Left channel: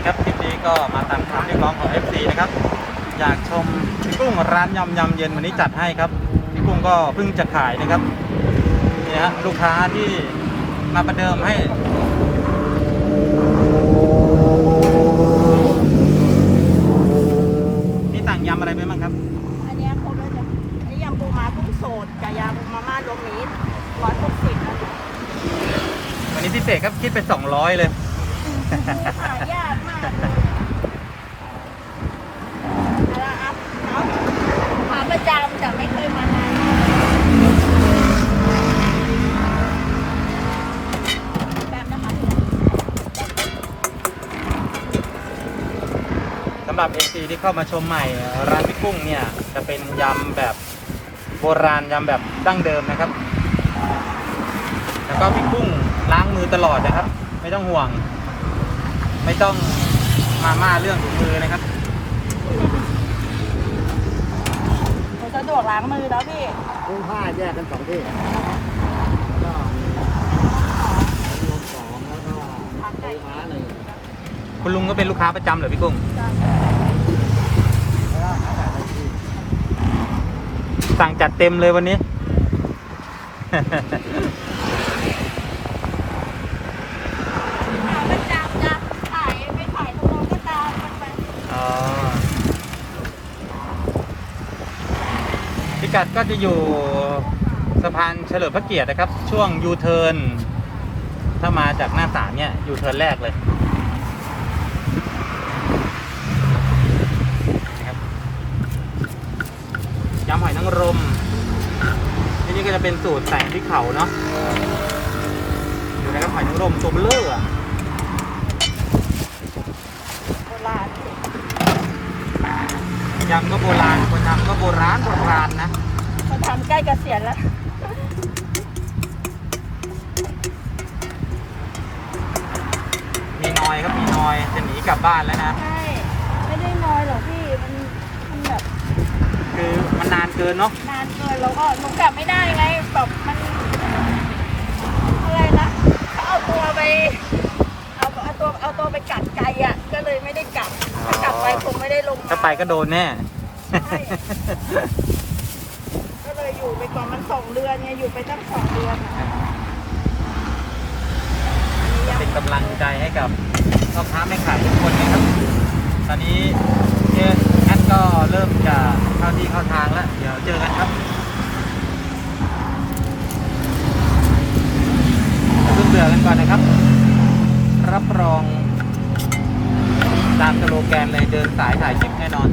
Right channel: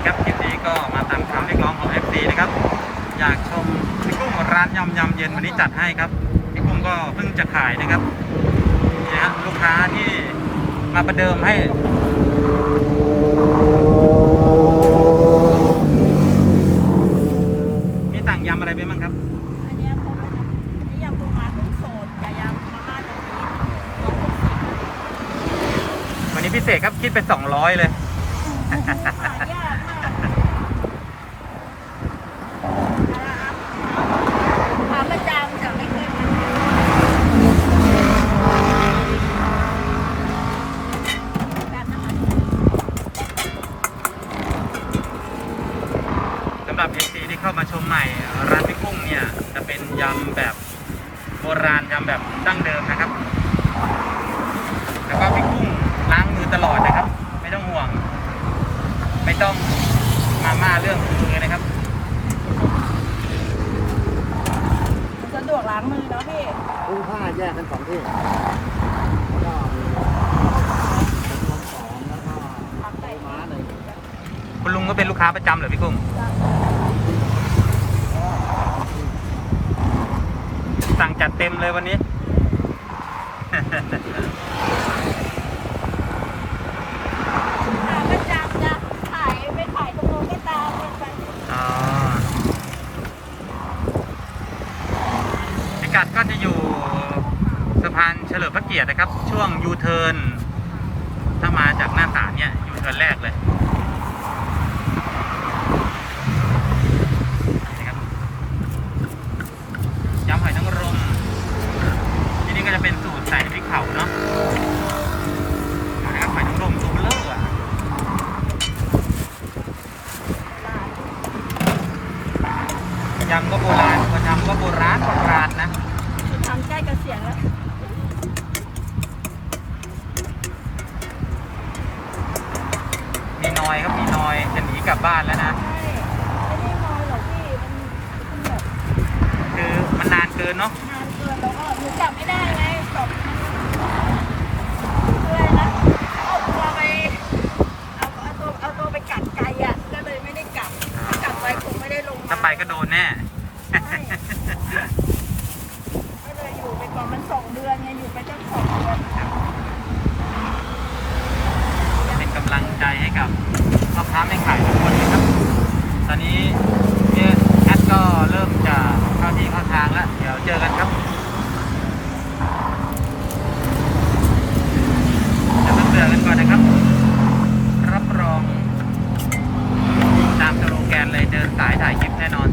ดีครับคลิปนี้ก็มาตามคำเรียกร้องของ FC นะครับ อยากชมพี่กุ้งร้านยำยำเย็นวันนี้จัดให้ครับพี่กุ้งก็เพิ่งจะขายนะครับเนี่ยฮะลูกค้าที่มาประเดิมให้นี่สั่งยำอะไรไปบ้างครับอันเนี้ยครบแล้วจ้ะอันนี้ยำปูม้ากุ้งสดกับยำมาม่ารวมมิตรร้อยหกสิบนะเนี่ยวันนี้พิเศษครับคิดไป 200 เลย หายากมากเลยเอาละครับเอาขาประจำแต่ไม่เคยมาแบบนะคะ สำหรับ FC ที่เข้ามาชมใหม่ร้านพี่กุ้งเนี่ยจะเป็นยำแบบโบราณยำแบบดั้งเดิมนะครับ แล้วก็พี่กุ้งล้างมือตลอดนะครับ ไม่ต้องห่วง ไม่ต้องมาม่าเรื่องถุงมือนะครับมันสะดวกล้างมือแล้วพี่กุ้งผ้าแยกกันสองที่แล้วก็มีต้มสองต้มน้ำสองแล้วก็ผักไก่ปูม้าหนึ่งคุณลุงก็เป็นลูกค้าประจำเหรอพี่กุ้ง จาน แล้วก็ข้าวไก่ที่ สั่งจัดเต็มเลยวันนี้ขาประจำจะขายไปขายตรงโน้นก็ตามกันไปอ๋อพิกัดก็จะอยู่สะพานเฉลิมพระเกียรตินะครับ ช่วงยูเทิร์นถ้ามาจากหน้าศาลเนี่ยยูเทิร์นแรกเลยนะครับ ยำหอยนางรมที่นี่ก็จะเป็นสูตรใส่พริกเผาเนาะดูนะครับหอยนางรมตัวเบลออะโบราณยำก็โบราณคนทำก็โบราณโบราณนะมาทำใกล้เกษียณแล้วมีนอยครับมีนอยจะหนีกลับบ้านแล้วนะ ใช่ไม่ได้น้อยหรอกพี่มันมันแบบ คือมันนานเกินเนาะนานเกินแล้วก็หนูกลับไม่ได้ไงแบบมันอะไรนะเอาตัวไปเอาเอาตัวเอาตัวไปกัดไก่อะก็เลยไม่ได้กลับถ้ากลับไปคงไม่ได้ลงมาถ้าไปก็โดนแน่ใช่ก็เลยอยู่ไปก่อนมันสองเดือนไงอยู่ไปตั้งสองเดือนอะจะเป็นกำลังใจให้กับพ่อค้าไม่ขายทุกคนนะครับ ตอนนี้เนี่ยแอดก็เริ่มจะเข้าที่เข้าทางแล้ว เดี๋ยวเจอกันครับอย่าเพิ่งเบื่อกันก่อนนะครับ รับรอง ตามสโลแกนเลยเดินสายถ่ายคลิปแน่นอน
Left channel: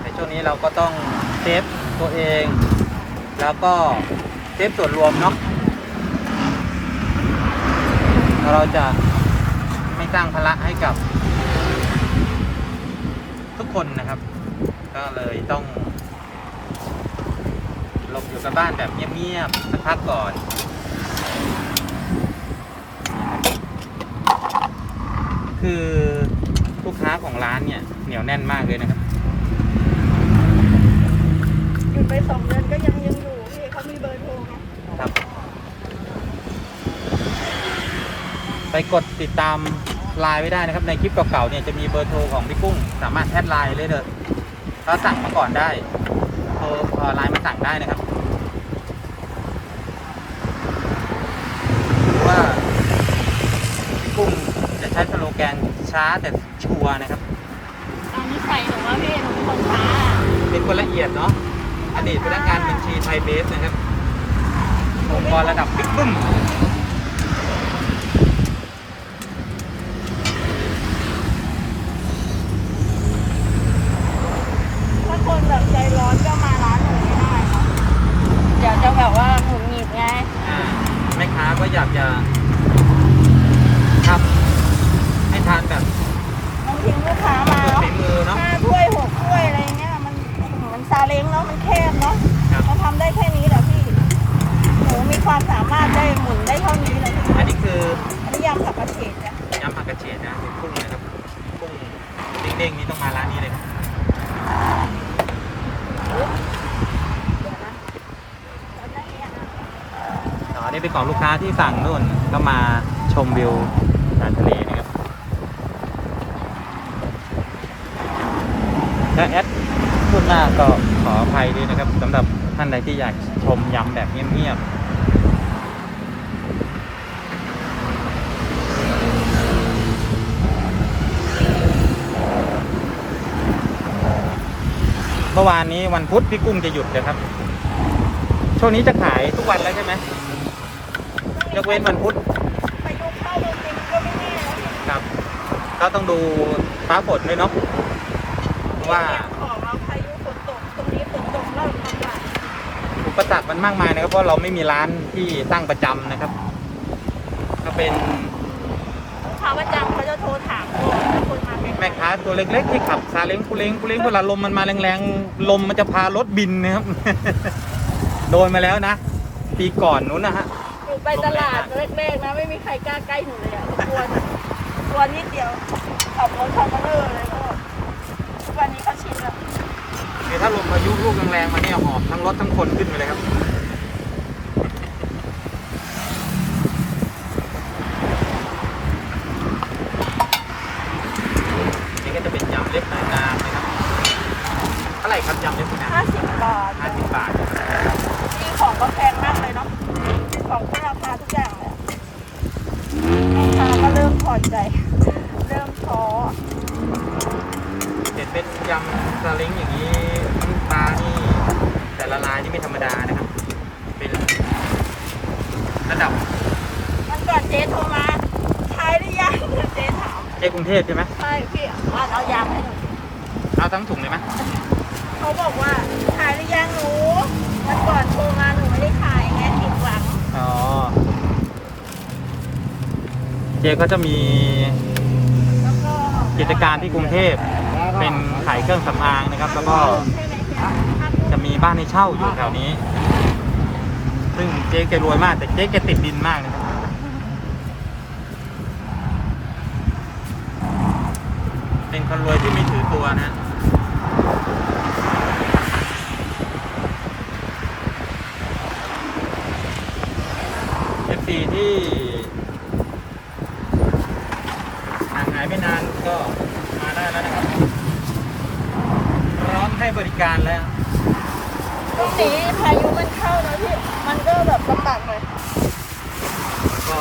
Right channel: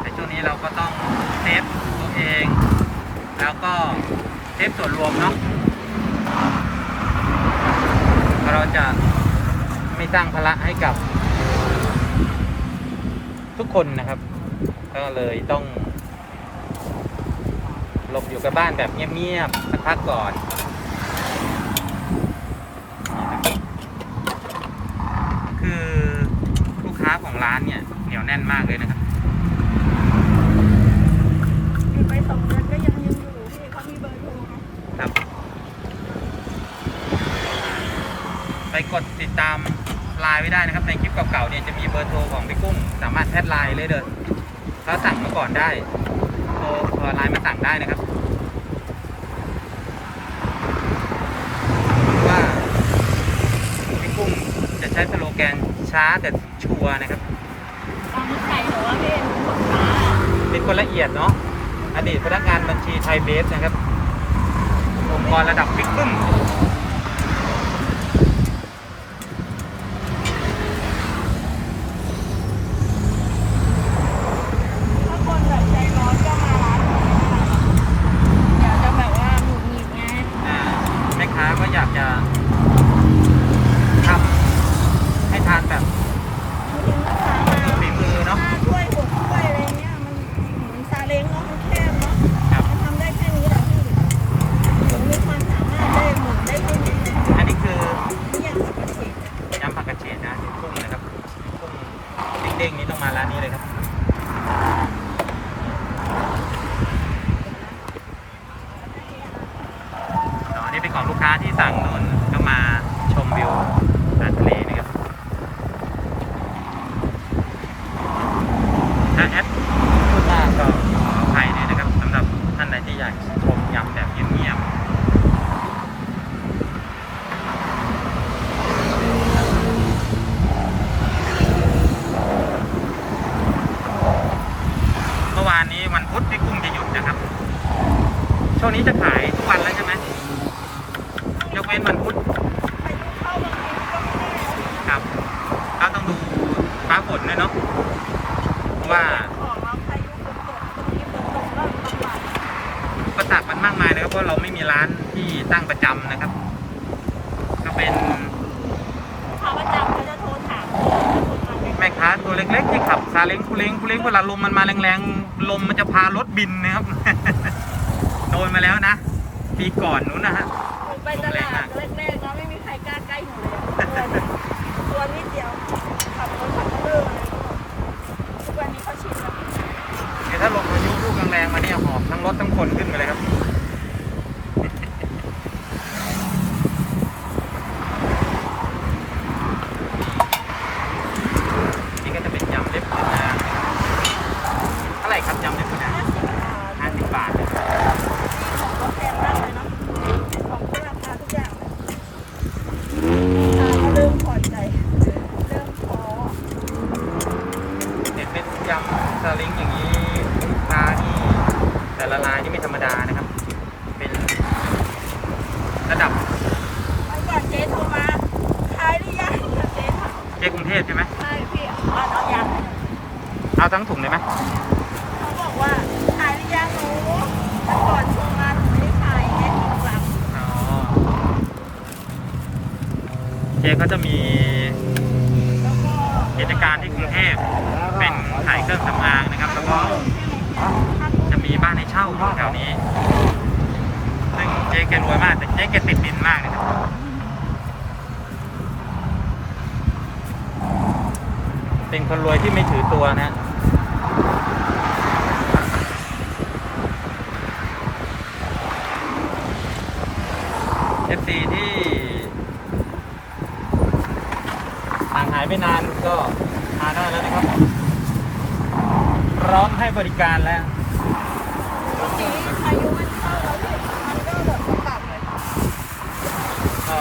ในช่วงนี้เราก็ต้องเซฟตัวเอง แล้วก็เซฟส่วนรวมเนาะเราจะไม่สร้างภาระให้กับทุกคนนะครับ ก็เลยต้องหลบอยู่กับบ้านแบบเงียบๆสักพักก่อนนะครับคือลูกค้าของร้านเนี่ยเหนียวแน่นมากเลยนะครับอยู่ไปสองเดือนก็ยังยังอยู่พี่เขามีเบอร์โทรเนาะครับ ไปกดติดตามไลน์ไว้ได้นะครับ ในคลิปเก่าๆเนี่ยจะมีเบอร์โทรของพี่กุ้ง สามารถแอดไลน์เลยเด้อ ถ้าสั่งมาก่อนได้โทรเอ่อไลน์มาสั่งได้นะครับหรือว่าพี่กุ้งจะใช้สโลแกนช้าแต่ชัวร์นะครับ ตามนิสัยหนูว่าพี่หนูเป็นคนช้า เป็นคนละเอียดเนาะอดีตพนักงานบัญชีไทยเบฟนะครับองค์กรระดับบิ๊กบึ้ม ถ้าคนแบบใจร้อนก็มาร้านหนูไม่ได้เนาะเดี๋ยวจะแบบว่าหงุดหงิดไง อ่าแม่ค้าก็ อยากจะ ถ้าแอดพูดหน้าก็ขออภัยด้วยนะครับสำหรับท่านใดที่อยากชมยำแบบเงียบๆเมื่อวานนี้วันพุธพี่กุ้งจะหยุดนะครับ ช่วงนี้จะขายทุกวันแล้วใช่ไหมยกเว้นวันพุธไปดูเข้าบางทีก็ไม่แน่ครับ ก็ต้องดูฟ้าฝนด้วยเนาะ ว่าออกมาพายุฝนตกตรงนี้ฝนตกริ่มลำบากอุปสรรคมันมากมายนะครับ เพราะเราไม่มีร้านที่ตั้งประจำนะครับ ก็เป็นลูกค้าประจำเขาจะโทรถามก่อนถ้คนมาแข่งแม่ค้าตัวเล็กๆ ที่ขับซาเล้งกุเล้งกุเล้งเวลาลมมันมาแรงๆลมมันจะพารถบินนะครับ โดนมาแล้วนะปีก่อนนู้นนะฮะหนูไปตลาดแรกๆนะไม่มีใครกล้าใกล้หนูเลยอะกลัวกลัวนิดเดียวขับรถขับมาเรื่อยเลยก็ทุกวันนี้เขาชินแล้ว เดี๋ยวถ้าลมพายุลูกแรงๆมาเนี่ยหอบทั้งรถทั้งคนขึ้นไปเลยครับนี่ก็จะเป็นยำเล็บมือนางนะครับเท่าไหร่ครับยำเล็บมือนางห้าสิบบาทห้าสิบบาทนะครับนี่ของก็แพงมากเลยเนาะของที่ราคาทุกอย่างเลยราคาก็เริ่มผ่อนใจเริ่มท้อเห็นเป็นยำสลิงอย่างนี้ลูกค้านี่ แต่ละรายนี่ไม่ธรรมดานะครับ เป็นระดับวันก่อนเจ๊โทรมาทายหรือยังเจ๊ถามเจ๊กรุงเทพใช่ไหมใช่พี่อ่านเอายางให้หน่อยสิเอาทั้งถุงเลยไหมเขาบอกว่าขายหรือยังหนูวันก่อนโทรมาหนูไม่ได้ขายไงผิดหวังอ๋อเจ๊ก็จะมีแล้วก็กิจการที่กรุงเทพแล้วก็เป็นขายเครื่องสำอางนะครับ แล้วก็ ใช่ไหมพี่ จะมีบ้านให้เช่าอยู่แถวนี้ ซึ่งเจ๊แกรวยมาก แต่เจ๊แกติดดินมากนะครับเป็นคนรวยที่ไม่ถือตัวนะฮะเอฟซีที่ห่างหายไปนานก็มาได้แล้วนะครับพร้อมให้บริการแล้ว ตรงนี้พายุมันเข้าแล้วพี่ มันก็แบบลำบากหน่อยก็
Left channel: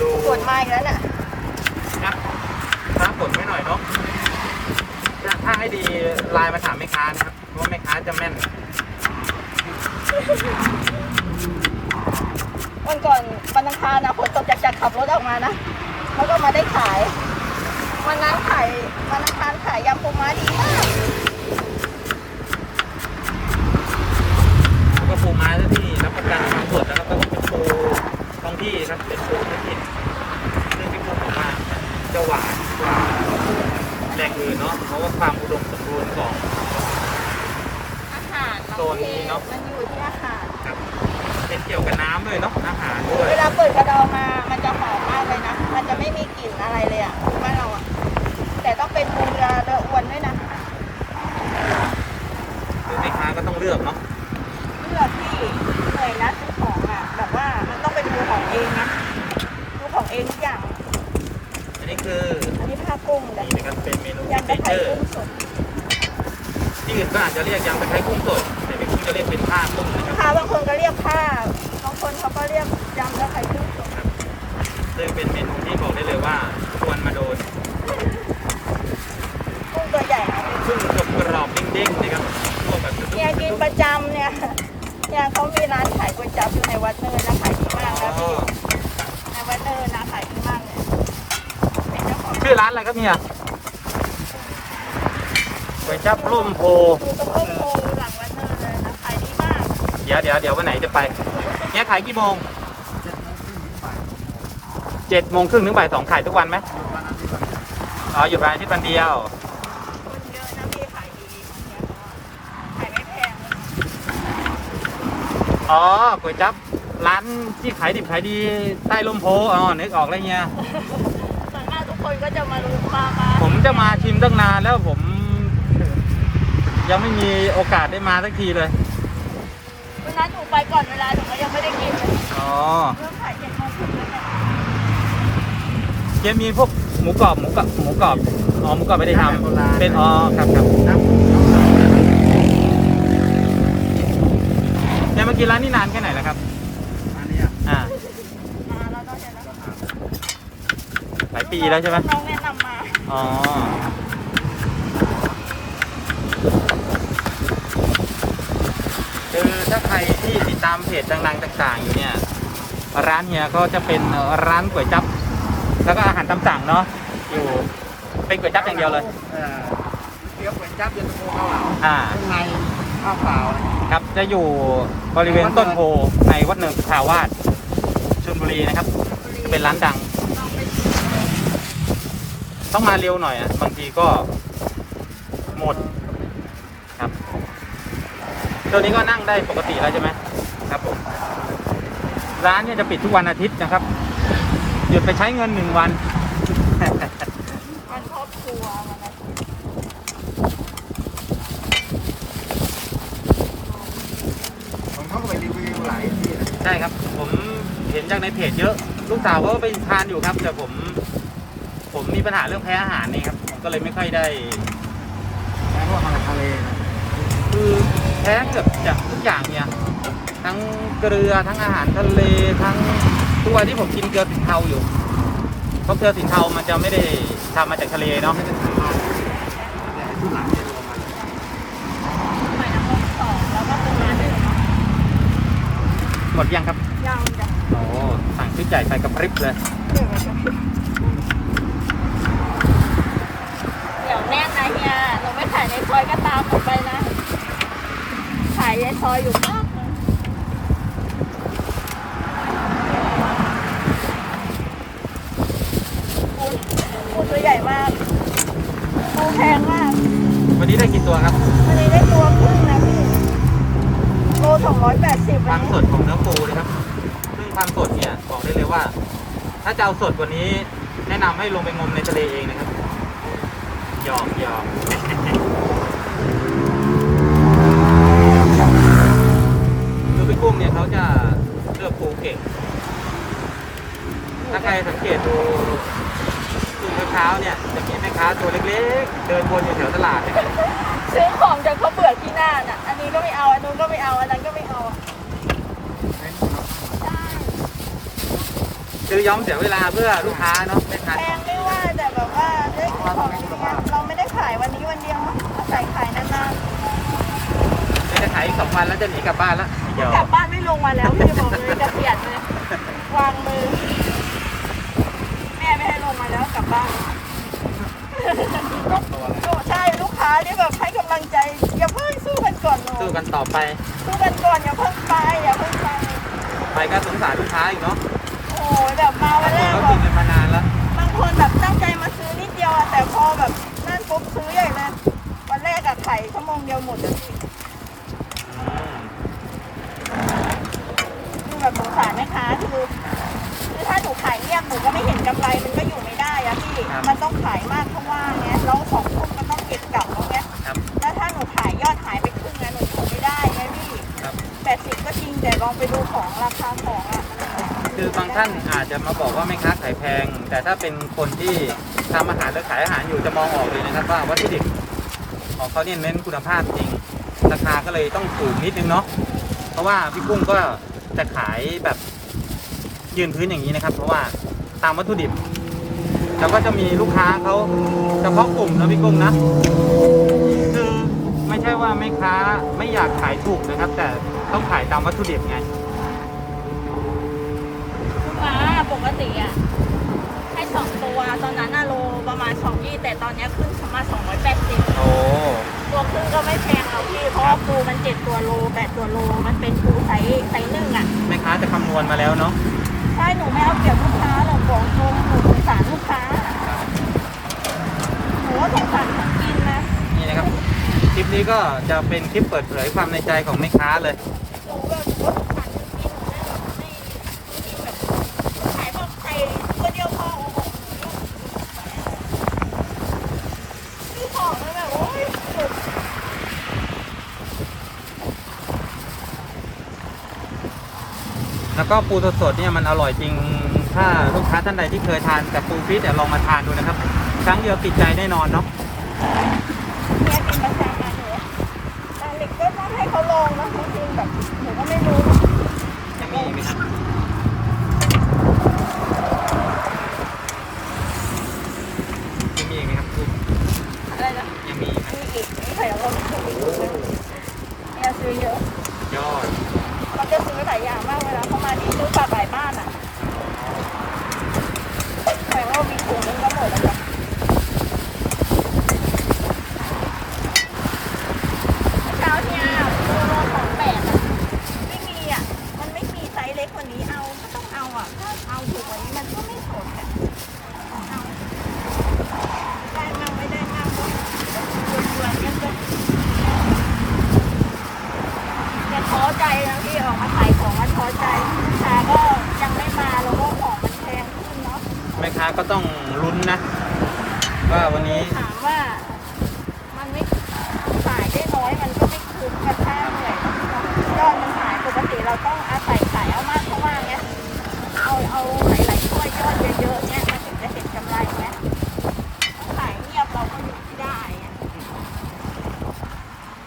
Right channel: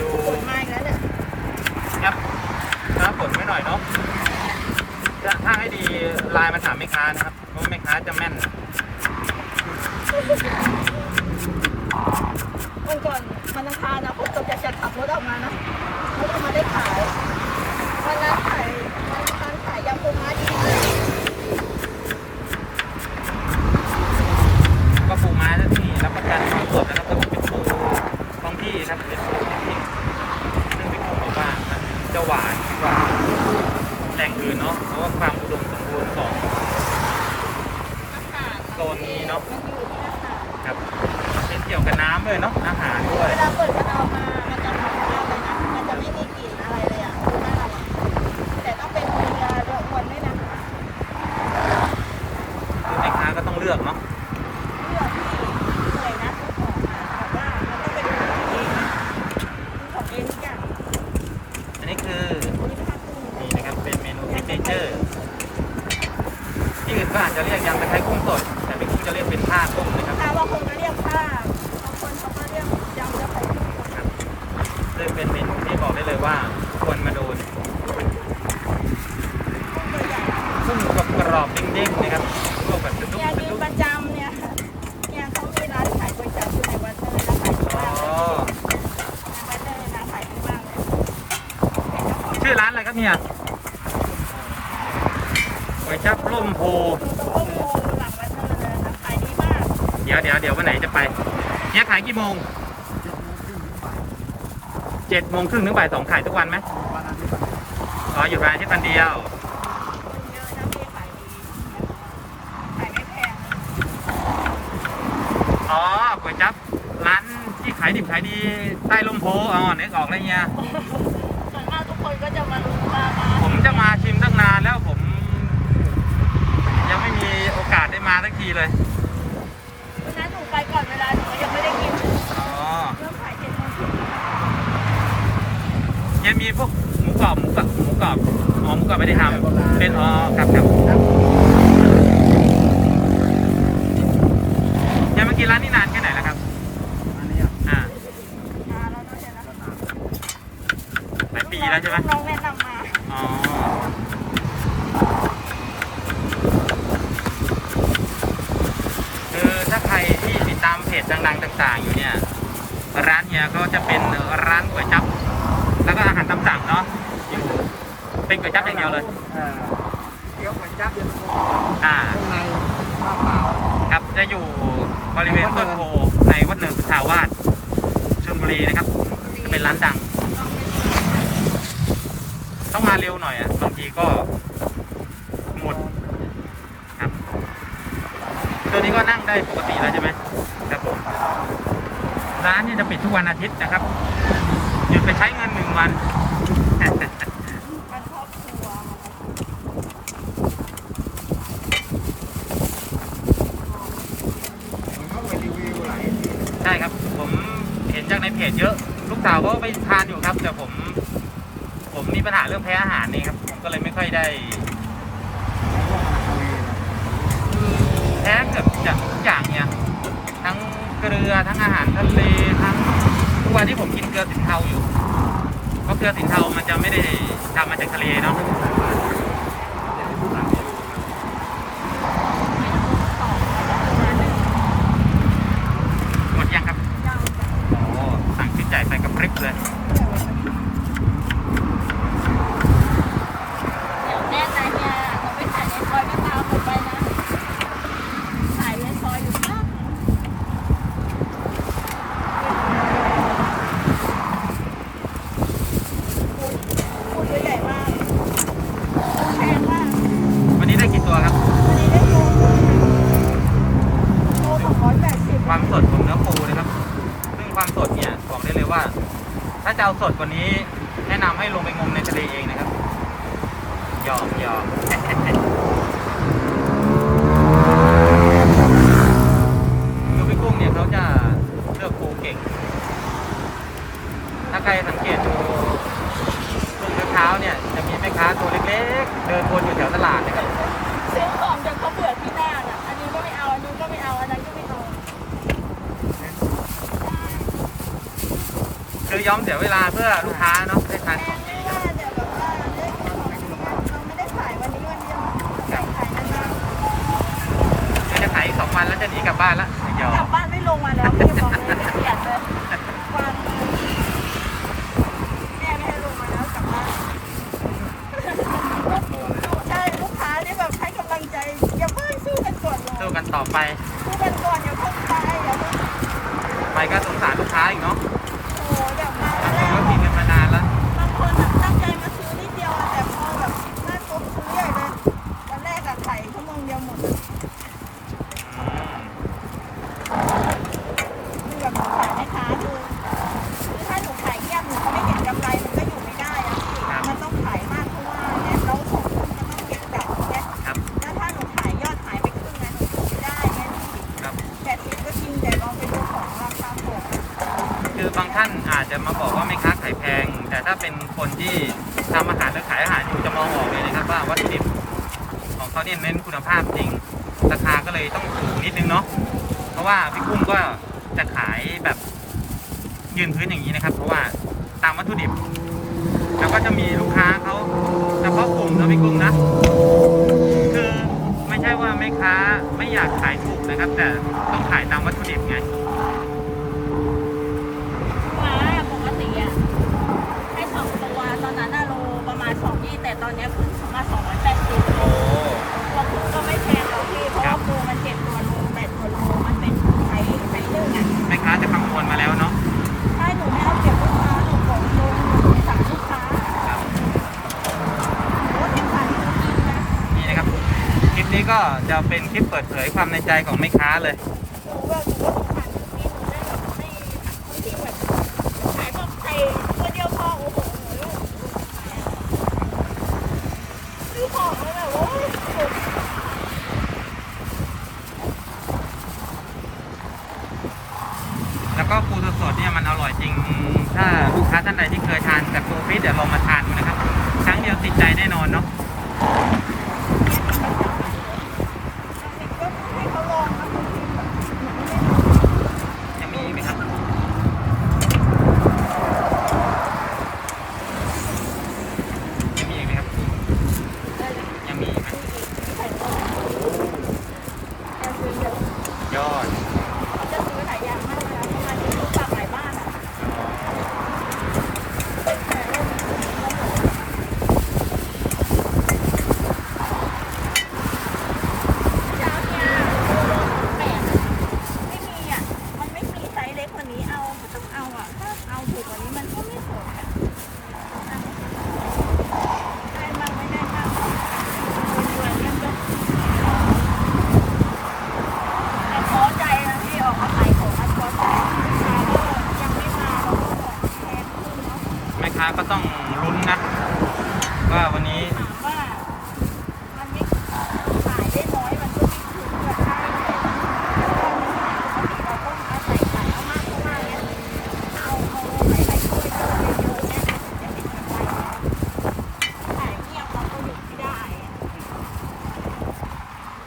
ดูฝนมาอีกแล้วแหละครับถ้าฝนไว้หน่อยเนาะจะถ้าให้ดีไลน์มาถามแม่ค้านะครับเพราะว่าแม่ค้าจะแม่น วันก่อนวันอังคารนะฝนตกจากจากขับรถออกมานะ แล้วก็มาได้ขาย วันนั้นขายวันอังคารขายยำปูม้าดีมากแล้วก็ปูไม้ที่รับประกันความสดนะครับก็เป็นปูท้องที่ครับเป็นปูท้องถิ่นซึ่งพี่กุ้งบอกว่ามันจะหวานกว่าแหล่งอื่นเนาะเพราะว่าความอุดมสมบูรณ์ของ อาหาร โซนนี้เนอะ มันอยู่ที่อาหาร ครับ เป็นเกี่ยวกับน้ำด้วยเนาะอาหารด้วย เวลาเปิดกระดองมา มันจะหอมมากเลยนะ มันจะไม่มีกลิ่นอะไรเลยอะบ้านเราอะ แต่ต้องเป็นมือจะจะอ้วนด้วยนะ คือแม่ค้าก็ต้องเลือกเนาะ เลือกพี่เหนื่อยนะซื้อของอะ แบบว่ามันต้องไปดูของเองไงดูของเองทุกอย่าง อันนี้คือ อันนี้ผ้ากุ้งแต่ นี่นะครับเป็นเมนู ยัง เทไม่เจไข่อร์กุ้งสดที่อื่นก็อาจจะเรียกยำตะไคร้กุ้งสด แต่พี่กุ้งจะเรียกเป็นผ้ากุ้งนะครับค่ะบางคนก็เรียกผ้าบางคนเขาก็เรียกยำแล้วไข่กุ้งสดซึ่งเป็นเมนูที่บอกได้เลยว่าควรมาโดนกุ้งตัวใหญ่นะกุ้งกรอบๆเด้งๆนะครับพวกแบบกระดุเนี่ยกกกิระนดุกประจำเนี่ยเนี่ยเขามีร้านขายก๋วยจั๊บอยู่ในวัดเลยนะขายดีอ๋มากเลยอในวัดเลยนะขายดีมากเลยเป็นเจ้าของชื่อร้านอะไรครับเนี่ย ก๋วยจั๊บร่มโพอยู่ตรงต้นโพหลังวัดเลยนะขายดีมากเดี๋ยวเดี๋ยวเดี๋ยววันไหนจะไปเนี่ยขายกี่โมงเจ็ดโมงครึ่งถึงบ่ายสองขายทุกวันไหมวันอาทิตย์ก่อนอ๋ออยู่ร้านที่กันเดียวคนเยอะนะพี่ขายดีขายไม่แพงอ๋อก๋วยจั๊บร้านที่ขายดิบขายดีใต้ร่มโพอ๋อนึกออกแล้วเนี่ยส่วนมากทุกคนก็จะมามามาผมจะมาชิมตั้งนานแล้วผม ยังไม่มีโอกาสได้มาสักทีเลย วันนั้นหนูไปก่อนเวลาหนูก็ยังไม่ได้กินเลยอ๋อเริ่มขายเจ็ดโมงครึ่งแล้วค่ะยังมีพวกหมูกรอบหมูกรอบหมูกรอบอ๋อหมูกรอบไม่ได้ทำเป็นอ๋อครับครับครับยังเมื่อกี้ร้านนี้นานแค่ไหนแล้วครับอันนี้อะอ่ามาแล้วเนาะเดี๋ยวนะหลายปีแล้วใช่ไหมน้องแนะนำมาอ๋อ ถ้าใครที่ติดตามเพจดังๆต่าง ๆ อยู่เนี่ย ร้านเฮียก็จะเป็นร้านก๋วยจั๊บแล้วก็อาหารตามสั่งเนาะอยู่เป็นก๋วยจั๊บอย่างเดียวเลยเออเกี๊ยวก๋วยจั๊บเย็นตาโฟข้าวหลามอ่า ข้างในข้าวเปล่า ครับจะอยู่บริเวณต้นโพในวัดเนินสุทาวาสชลบุรีนะครับจะเป็นร้านดัง ต้องมาเร็วหน่อยอะบางทีก็หมดครับ ตัวนี้ก็นั่งได้ปกติแล้วใช่ไหมครับผมร้านเนี่ยจะปิดทุกวันอาทิตย์นะครับหยุดไปใช้เงินหนึ่งวันมันครอบครัวมันนะผมเขาก็ไปรีวิวหลายที่นะใช่ครับ ผมเห็นจากในเพจเยอะ ลูกสาวเขาไปทานอยู่ครับ แต่ผม ผมมีปัญหาเรื่องแพ้อาหารนี่ครับ ผมก็เลยไม่ค่อยได้ แล้วก็มาทะเลนะ คือ แพ้เกือบจะทุกอย่างเนี่ย ทั้งเกลือทั้งอาหารทะเลทั้งทุกวันที่ผมกินเกลือสินเทาอยู่ เพราะเกลือสินเทามันจะไม่ได้ทำมาจากทะเลเราเนาะไม่เป็นสายบ้านแต่ทุกหลังเนี่ยลงมาหอยนางรมสองแล้วก็ปูม้าหนึ่งหมดยังครับย่างจ้ะโอ้สั่งชุดใหญ่ใส่กับพริบเลยเดี๋ยวเราจะเดี๋ยวแน่นนะเฮียหนูไม่ถ่ายในซอยก็ตามหนูไปนะถ่ายในซอยอยู่มากนะปูปูตัวใหญ่มากปูแพงมากวันนี้ได้กี่ตัวครับอันนี้ได้ตัวครึ่งนะโลสองร้อยแปดสิบความสดของเนื้อปูนะครับ ซึ่งความสดเนี่ยบอกได้เลยว่า ถ้าจะเอาสดกว่านี้ แนะนำให้ลงไปงมในทะเลเองนะครับหยอกหยอก คือ พี่กุ้งเนี่ยเขาจะเลือกปูเก่ง ถ้าใครสังเกตดูตื่นเช้าๆเนี่ยจะมีแม่ค้าตัวเล็กๆ เดินวนอยู่แถวตลาดนะครับซื้อของจนเขาเบื่อที่หน้าน่ะ อันนี้ก็ไม่เอา อันนู้นก็ไม่เอา อันนั้นก็ไม่เอาอะคือย้อมเสียเวลาเพื่อลูกค้าเนาะได้ทานแพของงไม่ว่าแต่แบบว่าด้วยของเราไม่ได้ขายวันนี้วันเดียวนะขายขายนานคือจะขายอีกสองวันแล้วจะหนีกลับบ้านแล้ว เดี๋ยวๆกลับบ้านไม่ลงมาแล้วพี่บอกเลยจะเปลี่ยนเลยวางมือ แม่ไม่ให้ลงมาแล้วกลับบ้านใช่ลูกค้าที่แบบให้กำลังใจอย่าเพิ่งสู้กันก่อนลงสู้กันต่อไป สู้กันก่อนอย่าเพิ่งไปอย่าเพิ่งไปไปก็สงสารลูกค้าอีกเนาะโอ้โหแบบมาวับานงแรคนกก็กินกันมานานแล้ว เป็นคนที่ทำอาหารหรือขายอาหารอยู่จะมองออกเลยนะครับ ว่าวัตถุดิบของเขาเนี่ยเน้นคุณภาพจริง ราคาก็เลยต้องถูกนิดนึงเนาะเพราะว่าพี่กุ้งก็จะขายแบบยืนพื้นอย่างนี้นะครับ เพราะว่าตามวัตถุดิบแล้วก็จะมีลูกค้าเขาเฉพาะกลุ่มนะพี่กุ้งนะคือไม่ใช่ว่าแม่ค้าไม่อยากขายถูกนะครับ แต่ต้องขายตามวัตถุดิบไงม้าปกติอะ สองตัว ตอนนั้นอะโลประมาณสองยี่แต่ตอนเนี้ยขึ้นมาสองร้อยแปดสิบโอ้ ตัวครึ่งก็ไม่แพงแล้วพี่ เพราะครัว่าบ ปูมันเจ็ดตัวโลแปดตัวโลมันเป็นปูไซส์ไซส์หนึ่งอะแม่ค้าจะคำนวณมาแล้วเนาะใช่หนูไม่เอาเปรียบลูกค้าหรอกบอกตรงหนูสงสารลูกค้าครับ หนูก็สงสารคนกินนะ นี่นะครับ คลิปนี้ก็จะเป็นคลิปเปิดเผยความในใจของแม่ค้าเลย หนูแบบหนูก็สงสารคนกินหนูได้แบบไม่บางทีแบบขายแบบใส่ตัวเดียวพอโอ้โหหนูแบบซื้อของแล้วแบบโอ้ยสุด แล้วก็ปูสดๆเนี่ยมันอร่อยจริง ถ้าลูกค้าท่านใดที่เคยทานแต่ปูฟิตเดี๋ยวลองมาทานดูนะครับ ครั้งเดียวติดใจแน่นอนเนาะ เนี่ยกินประจำเลยแต่เด็กก็ต้องให้เขาลองนะจริงๆแบบหนูก็ไม่รู้ ยังมีอีกไหมครับยังมีอีกไหมครับปู อะไรนะ ยังมีอีกไหม มีอีกมีไข่ลงเนี่ยซื้อเยอะ ยอดา ก็ต้องลุ้นนะ ว่าวันนี้ไม่ขายได้น้อยมันก็ไม่คุ้มกับค่าเหนื่อยยอดมันหายปกติเราต้องอาศัยขายเอามากเพราะว่าเนี้ยเอาเอาหลายๆถ้วยยอดเยอะๆเนี้ยมันถึงจะเห็นกำไรนะขายเงียบเราก็อยู่ไม่ได้อะ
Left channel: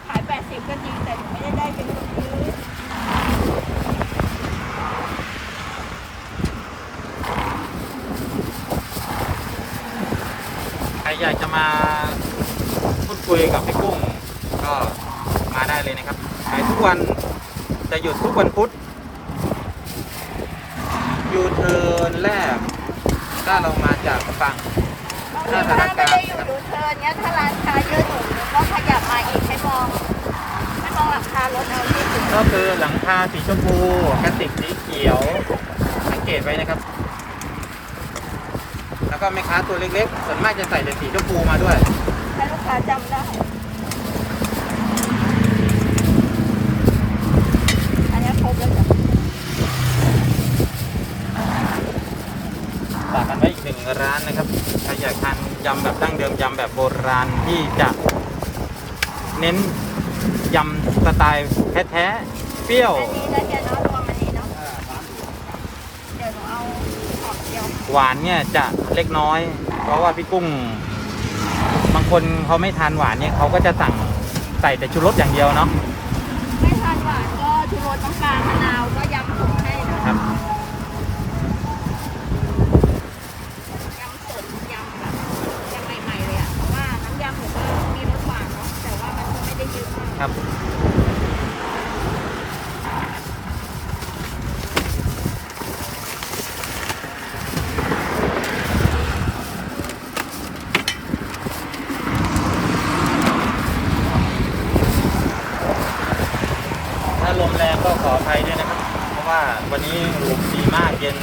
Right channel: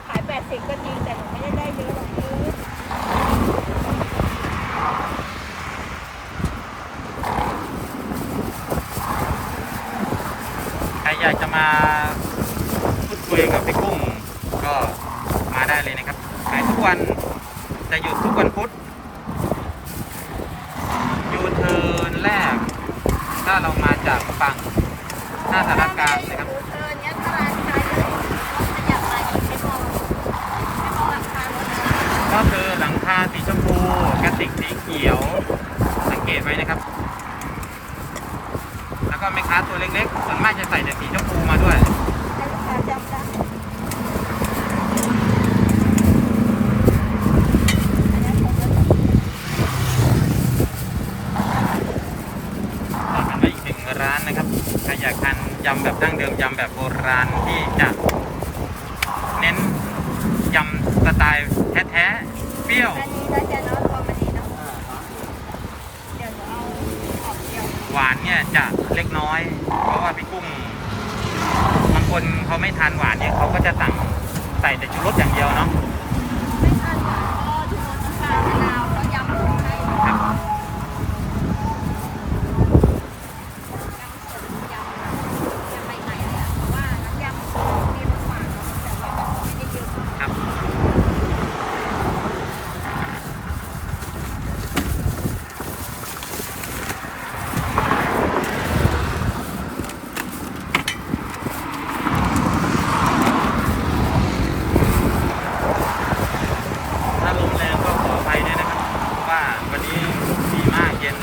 ขายแปดสิบก็จริงแต่หนูไม่ได้ได้เยอะหรอกคือ ใคร อยากจะมาพูดคุยกับพี่กุ้งก็มาได้เลยนะครับขายทุกวันจะหยุดทุกวันพุธยูเทิร์นแรก ถ้าเรามาจากฝั่งหน้าสารกลางนะครับดูเธอเนี้ยถ้าร้านค้าเยอะหนูก็ขยับมาอีกให้มองให้มองหลังคารถเอาที่ถึงก็คือหลังคาสีชมพูกระติกสีเขียว สังเกตไว้นะครับแล้ว ก็แม่ค้าตัวเล็กๆ ส่วนมากจะใส่แต่สีชมพูมาด้วยให้ลูกค้าจำได้ อันนี้ครบแล้วจ้ะฝากกันไว้อีกหนึ่งร้านนะครับใครอยากทานยำแบบดั้งเดิมยำแบบโบราณที่จะเน้นยำสไตล์แท้ๆ เปรี้ยว อันนี้ก็จะเนาะรวมอันนี้เนาะ อ่าสามสิบ เดี๋ยวหนูเอาออกเดียว หวานเนี่ยจะเล็กน้อย เพราะว่าพี่กุ้ง บางคนเขาไม่ทานหวานเนี่ยเขาก็จะสั่งใส่แต่ชูรสอย่างเดียวเนาะไม่ทานหวานก็ชูรสน้ำปลามะนาวก็ยำส่งให้นะครับ ยำเสริมยำแบบยำใหม่ๆเลยอะเพราะว่าน้ำยำหนูก็มีรสหวานเนาะแต่ว่ามันก็ไม่ได้เยอะมาก ครับ ถ้าลมแรงก็ขออภัยด้วยนะครับ เพราะว่าวันนี้ดีมากเย็น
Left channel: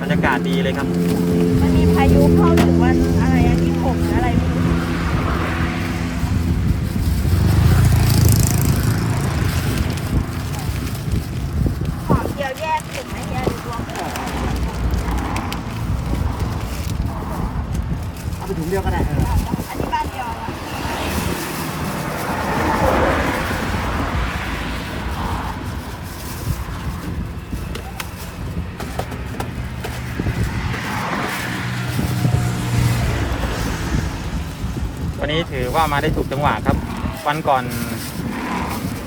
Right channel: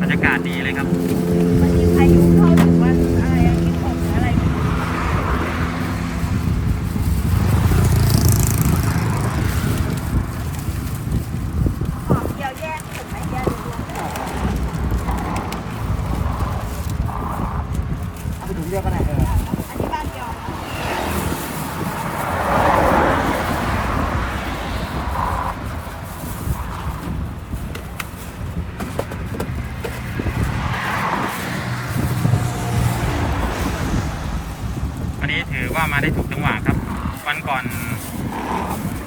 บรรยากาศดีเลยครับ มันมีพายุเข้าถึงวันอะไรอะที่หกหรืออะไรไม่รู้ขอเดียวแยกถึงไหมแยกรวมกัน เอาไปถุงเดียวก็ได้เออ อันนี้บ้านเดียวนะ วันนี้ถือว่ามาได้ถูกจังหวะครับ วันก่อน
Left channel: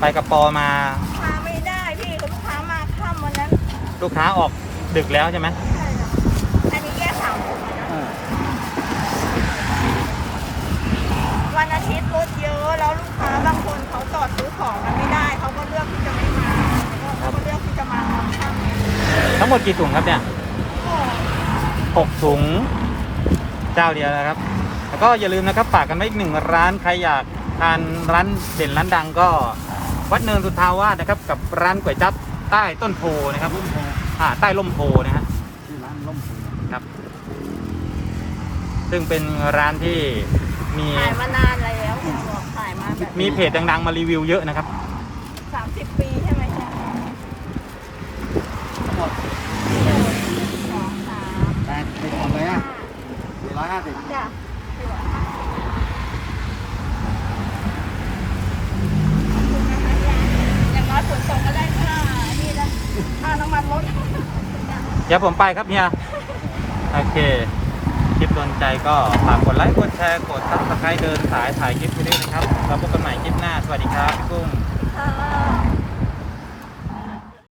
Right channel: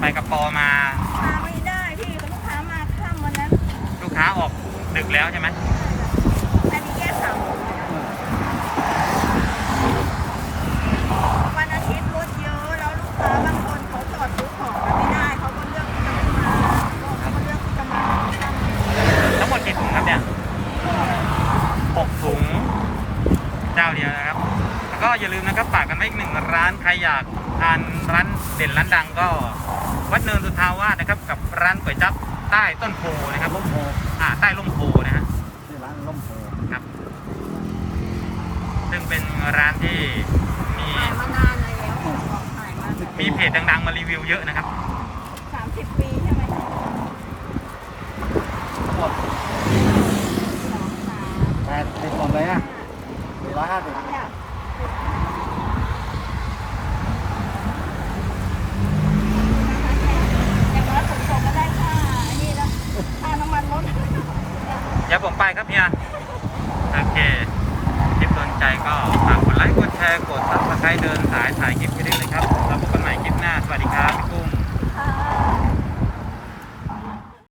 ไปกับปอมา มาไม่ได้พี่ลูกค้ามาค่ำวันนั้นลูกค้าออกดึกแล้วใช่ไหมใช่ค่ะอันนี้แยกสามถุงมานะเออวันอาทิตย์รถเยอะแล้วลูกค้าบางคนเขาจอดซื้อของกันไม่ได้เขาก็เลือกที่จะไม่มาแล้วก็เขาก็เลือกที่จะมาตอนค่ำทั้งหมดกี่ถุงครับเนี่ยโอ้โหหกถุงเจ้าเดียวนะครับแล้ว ก็อย่าลืมนะครับฝากกันไว้อีกหนึ่งร้านใครอยากทานร้านเด่นร้านดังก็ วัดเนินสุทาวาสนะครับ กับร้านก๋วยจั๊บใต้ต้นโพนะครับล่มโพอ่าใต้ร่มโพนะฮะที่ร้านล่มโพครับ ซึ่งเป็นร้านที่มีขายมานานแล้วบอกขายมาแบบมีเพจดัง ๆ มารีวิวเยอะนะครับสามสิบปีใช่ไหมทั้งหมดสองสามแปดสิบคนเลยอะสี่ร้อยห้าสิบจ้ะ ขอบคุณนะคะยาอย่างน้อยฝนตกก็ได้ค่านี่นะค่าน้ำมันรถเดี๋ยวผมไปครับเฮียโอเค คลิปโดนใจก็ฝากกดไลค์ กดแชร์ กดซับสไครต์เดินสายถ่ายคลิปไปด้วยนะครับ แล้วพบกันใหม่คลิปหน้า สวัสดีครับ พี่กุ้ง